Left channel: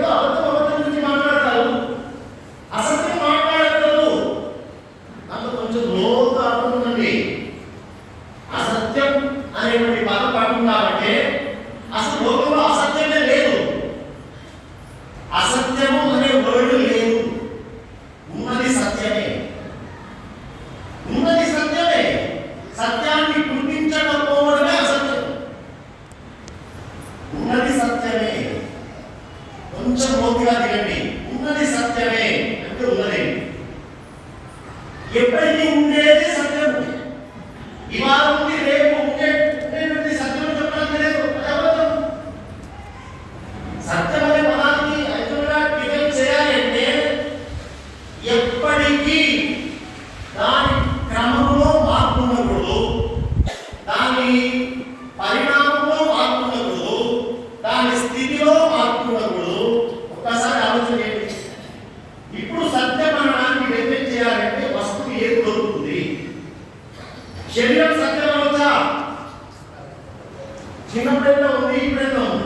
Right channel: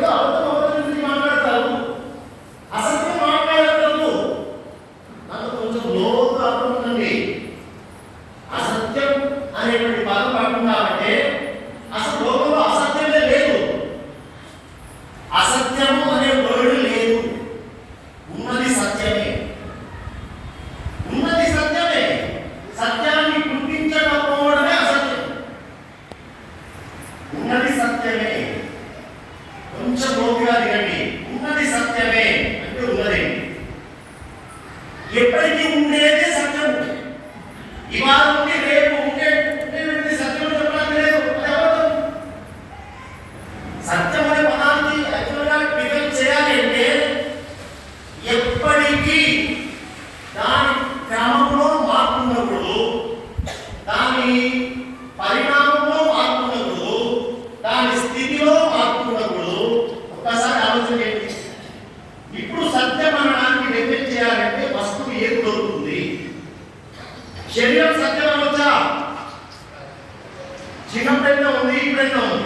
Gott. శరీరం సత్యం అవుతా చిన్న ప్రయత్నం ఉంది ఈ ప్రయత్నం ఉంది.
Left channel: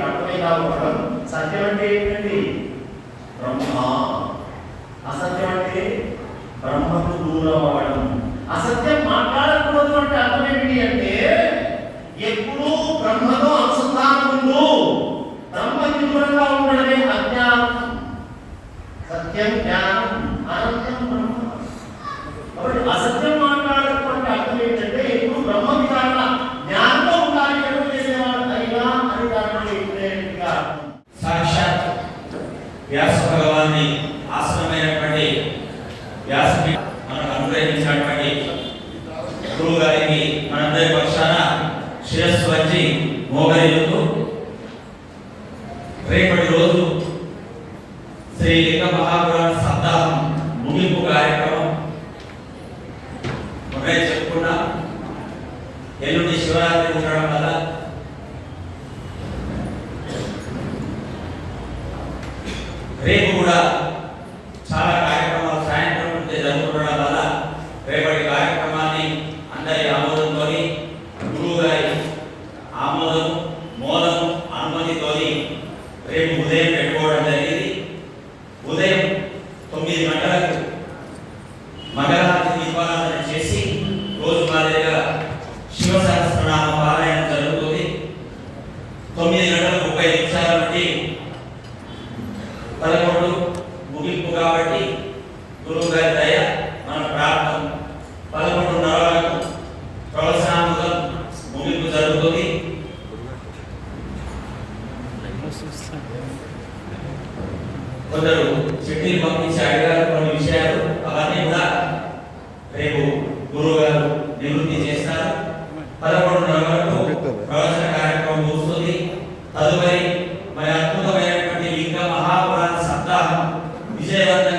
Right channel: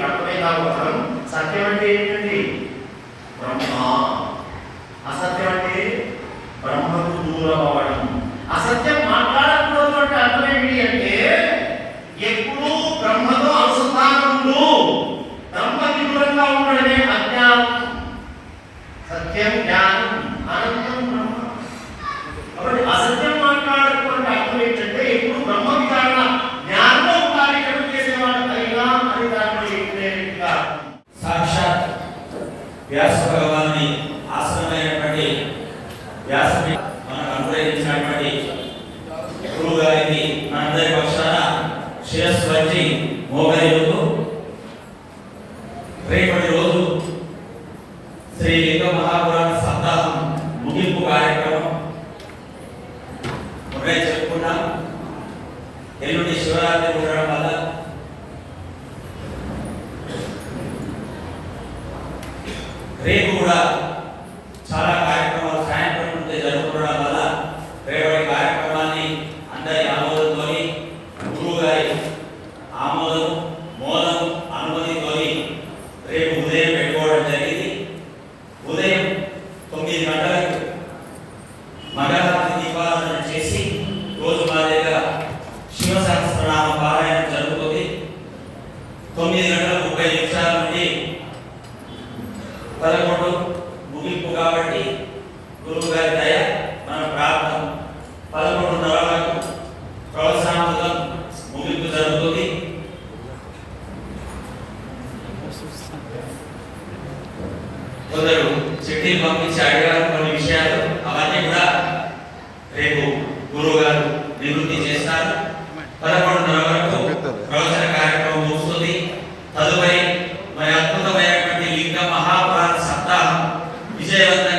అర్థమై కాకపోవడం సత్యం అంటే ఏంటండి? బ్రహ్మ. అసత్యం అంటే బ్రహ్మకు దూరం అవ్వడం. అసత్యం మాట్లాడకూడదు అంటే అర్థమేమిటి అంటే ఎప్పుడూ బ్రహ్మతో అనుసంధానంలో బ్రహ్మకి దూరంగా ఉండడమే అజ్ఞానం. సత్యం జ్ఞానం వ్యాస భగవాన్ని ఆశ్రమైనటువంటి వ్యాస మనకు అనుగ్రహించినటువంటి గురువు గారికి మనందరి పక్షాన శిరస్సు వచ్చి మోగరిలుతూ రేపటి రోజు శ్రీ లింగ మహాపురాణ సప్తాహం ముగింపు కార్యక్రమం మొన్నే చెప్పుకున్నాం. ఎల్లుండి శివరాత్రి ఉండడం Yeah.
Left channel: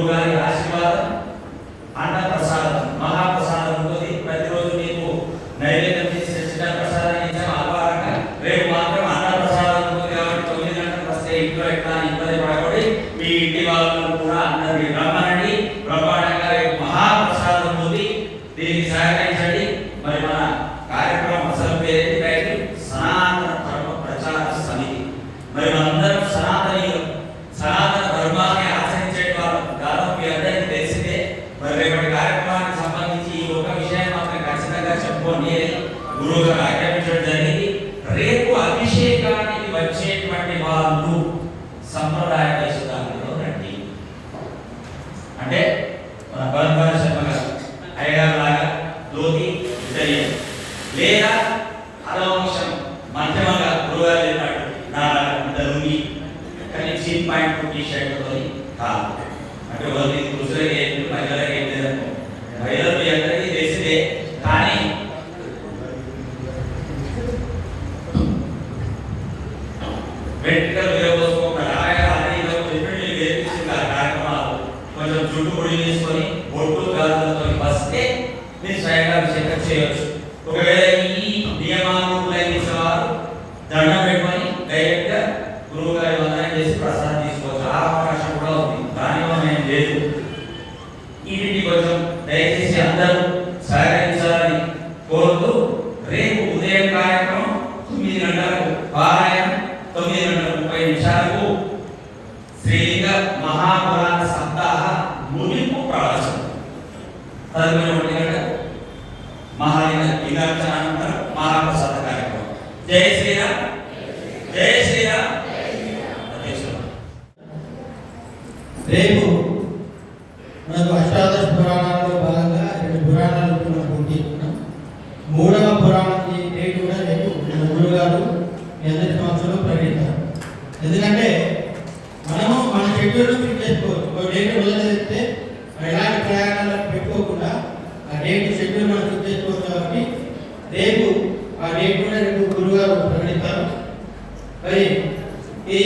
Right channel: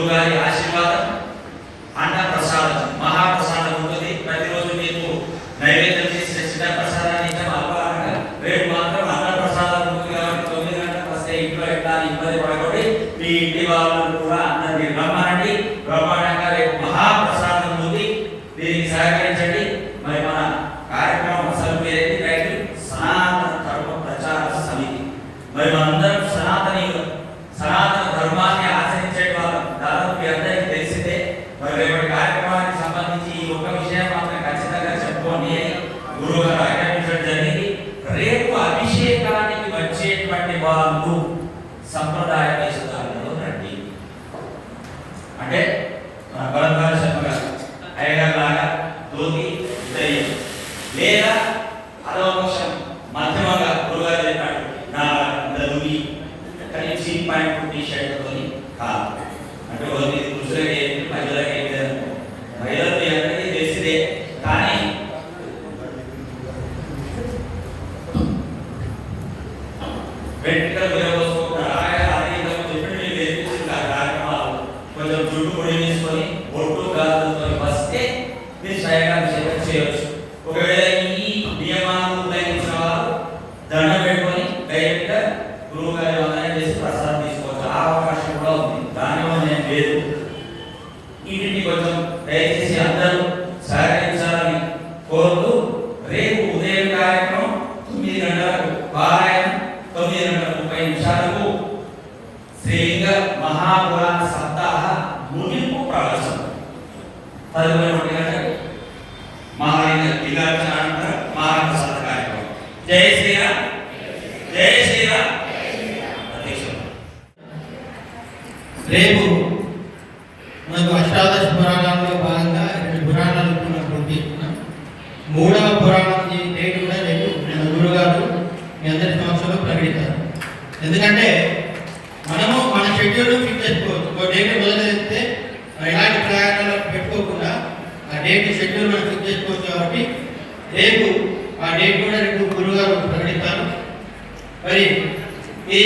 누가의 아시와 మెడికల్ వేయబోసుకోకుండా అది ఇదొక చెప్పి మీరు వేయించుకుంటే ఆ కార్యక్రమాలు. కొంచెం జుట్టు పొడి వేసుకొని డైరెక్ట్ గురువు గారి వందనం ఆ అవకాశం కూడా ఉంది. లేదు. ఇది కొంచెం దయచేసి అందరూ సరైన రేపు మనకు అష్టాదశ పురాణాల్లో భాగంగా రెండు పురాణాలు మనం పూర్తి మూడవ పురాణం డేట్ కూడా రేపు మన గురుగారు మీ అందరి సంవత్సరంలో ప్రకటిస్తారు. ఎందుకంటే మనము మన షెడ్యూల్ ఫిక్స్ చేసుకోవచ్చు. డేట్ మొదలెడితే ఎలాంటి ప్రయాణాలు పెట్టుకోకుండా ఆ డేట్ షెడ్యూల్ మనం ఫిక్స్ చేసుకోవచ్చు కాబట్టి రేపు ఆ డేట్ కూడా మరి ఈ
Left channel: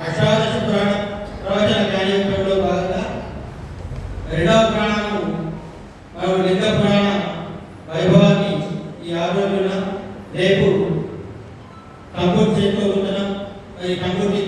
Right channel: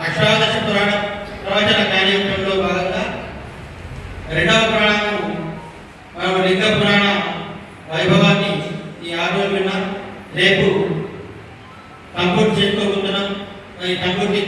అష్టాదశ పురాణ ప్రవచన కార్యక్రమంలో భాగంగా రెండవ పురాణము మనం లింగ పురాణ వైభవాన్ని ఈ ఆరు రోజున రేపు తంబూరు చేసుకోబోతున్నాం. ఈ తంబూరికి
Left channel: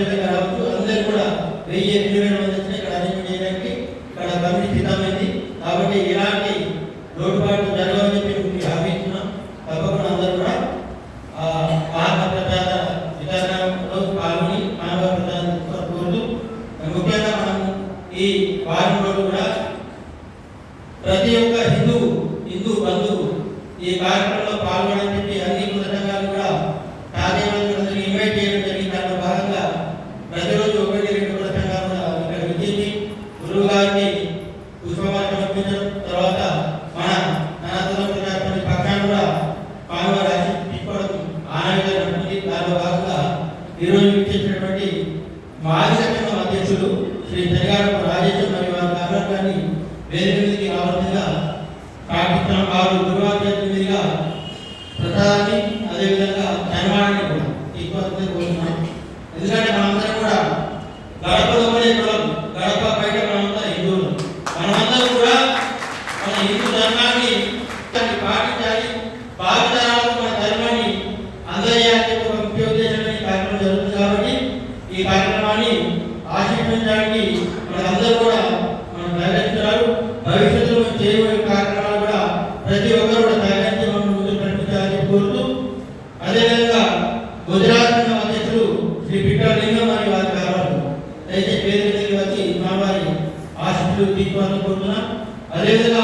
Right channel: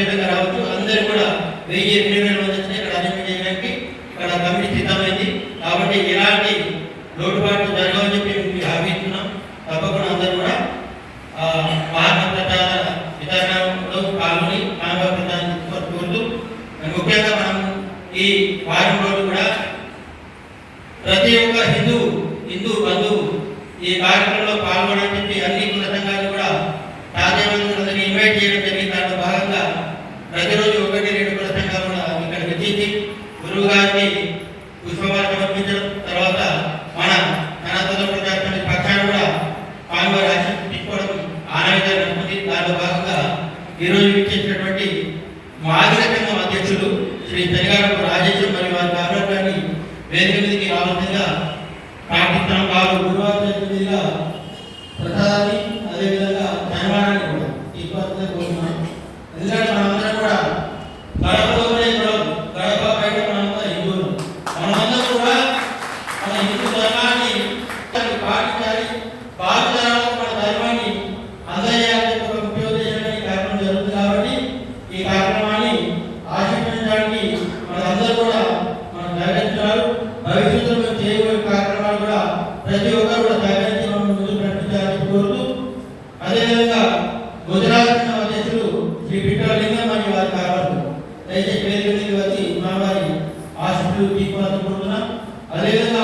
సమేతంగా రావచ్చు అందరూ కూడా వెయ్యి ఎనిమిది వేల మంది వచ్చిన ఇక్కడ అరేంజ్ చేయడానికి ఇక్కడ కమిటీ సిద్ధమైంది. కాబట్టి ఇలాంటి లోటుపాట్లు జరగవని చెప్పి మీకు హామీ ఇస్తున్నాం. తప్పకుండా అందరూ కూడా ఆ మహాప్రసాద వితరణలో పాల్గొని ప్రచారం కోరుతూ ముఖ్యంగా మనం ఈ వారం రోజు కూడా ప్రతి ఒక్క హిందూ హిందూ బంధువు ఈ కార్యక్రమంలో పాల్గొనని చెప్పి అన్ని కుల సంఘాలు దాంట్లో భాగంగా ఈరోజు ఇచ్చేసినటువంటి మాదిరి సంఘం అధ్యక్షులు శ్రీ పెరిగారం రాజేశ్వర్ మరియు వారి కార్యక్రమాన్ని వేదిక మీదకి రావాల్సిందిగా ప్రార్థిస్తున్నాం. వారు గురువారం మీదుగా ప్రసాదాన్ని అదేవిధంగా ధనవాణాన్ని కూడా తీసుకోవాలని కోరుతున్నాం ఎందుకంటే మనందరం కూడా గడపలోనే కులం గడప బయట మనంతా హిందువులు మనమందరం కూడా మన హిందూ ధర్మాన్ని పాటించాలి భావితరాలకు మన ధర్మాన్ని అందజేయాలని ఒక ముఖ్య ఉద్దేశంగా ఈ కార్యక్రమం జరుగుతుంది కాబట్టి ఈ కార్యక్రమాన్ని ఆశీర్వదించడానికి మనందరూ కూడా మనం సహకరించాలి భవిష్యత్తులో చేయబోయే కార్యక్రమాలు కూడా ప్రతి ఒక్కరు కూడా సహకరించి మనం ముందుకు నడిపించాలని కోరుతూ అదేవిధంగా గుజరాత్ అధ్యక్షుడు శ్రీ విక్రమలింగం అని వారి కావాలి అయితే పేరు మీద వచ్చి మా వారి ఆశీస్సులు తీసుకోవాలని అదేవిధంగా